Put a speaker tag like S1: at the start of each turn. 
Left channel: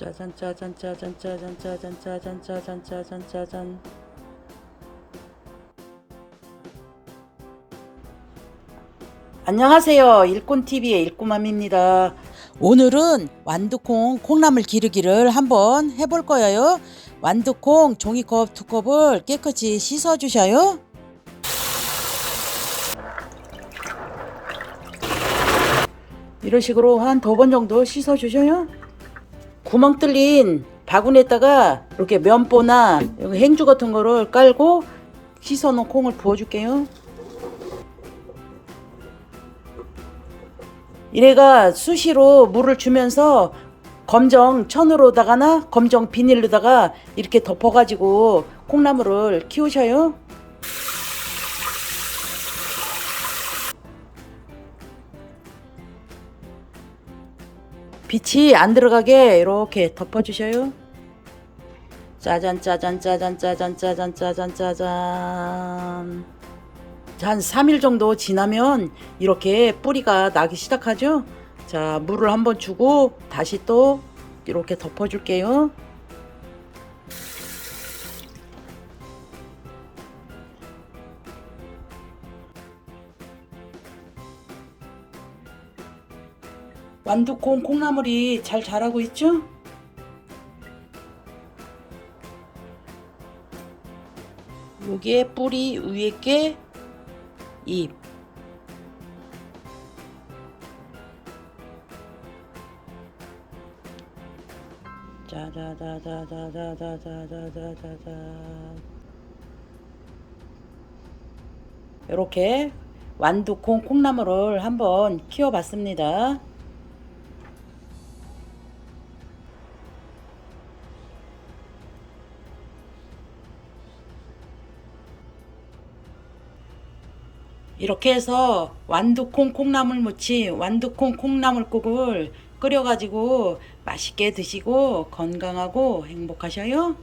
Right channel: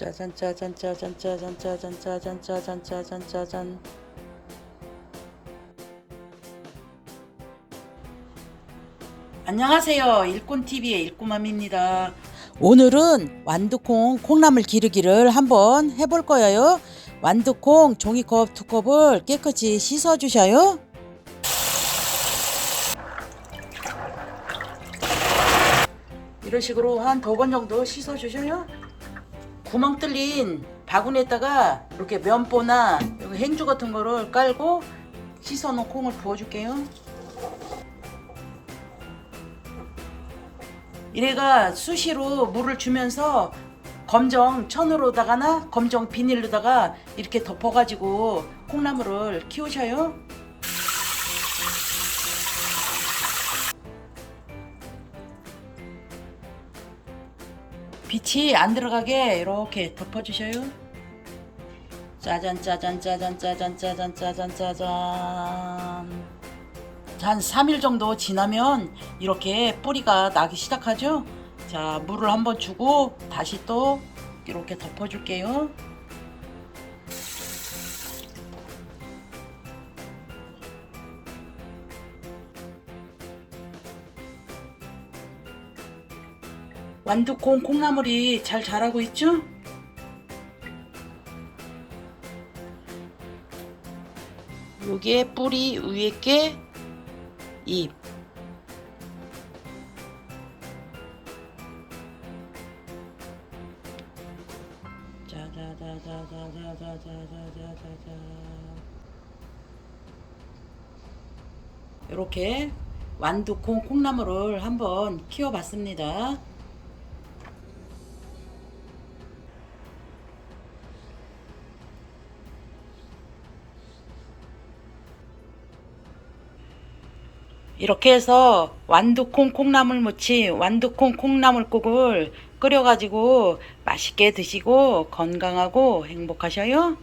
S1: 짜잔 짜잔 짜잔 짜잔 짜잔 짜잔 짜잔 짜잔 짜잔. 안녕하세요. 일꾼TV의 일꾼맘입니다. 오늘은 완두콩 콩나물 기르기를 한번 해볼 거예요. 완두콩 종이컵 두 컵을 깨끗이 씻어 주셔요. 이런 식으로 한 두 번 정도 씻어 주셔요 구멍 뚫린 바구니에다가 이렇게 면보나 행주 같은 거를 깔고 씻어 놓은 콩을 부어 줄게요. 이래가 수시로 물을 주면서 검정 천으로다가나 검정 비닐로다가 이렇게 덮어가지고 콩나물을 키우셔요. 빛이 안 들어가게 이렇게 덮어주셔요. 짜잔 짜잔 짜잔 짜잔 짜잔 짜잔 짜잔 한 3일 정도 지나면 이렇게 뿌리가 나기 시작하죠. 자 물을 한번 주고 다시 또 이렇게 덮어줄게요. 완두콩 콩나물이 잘 자라고 있죠? 여기에 뿌리 위에 게 잎. 짜자자자자자자자자자자. 이렇게 완두콩 콩나물을 한번 키워봤습니다. 이렇게 해서 완두콩 콩나물 무침, 완두콩 콩나물국을 끓여가지고 맛있게 드시고 건강하고 행복하셔요.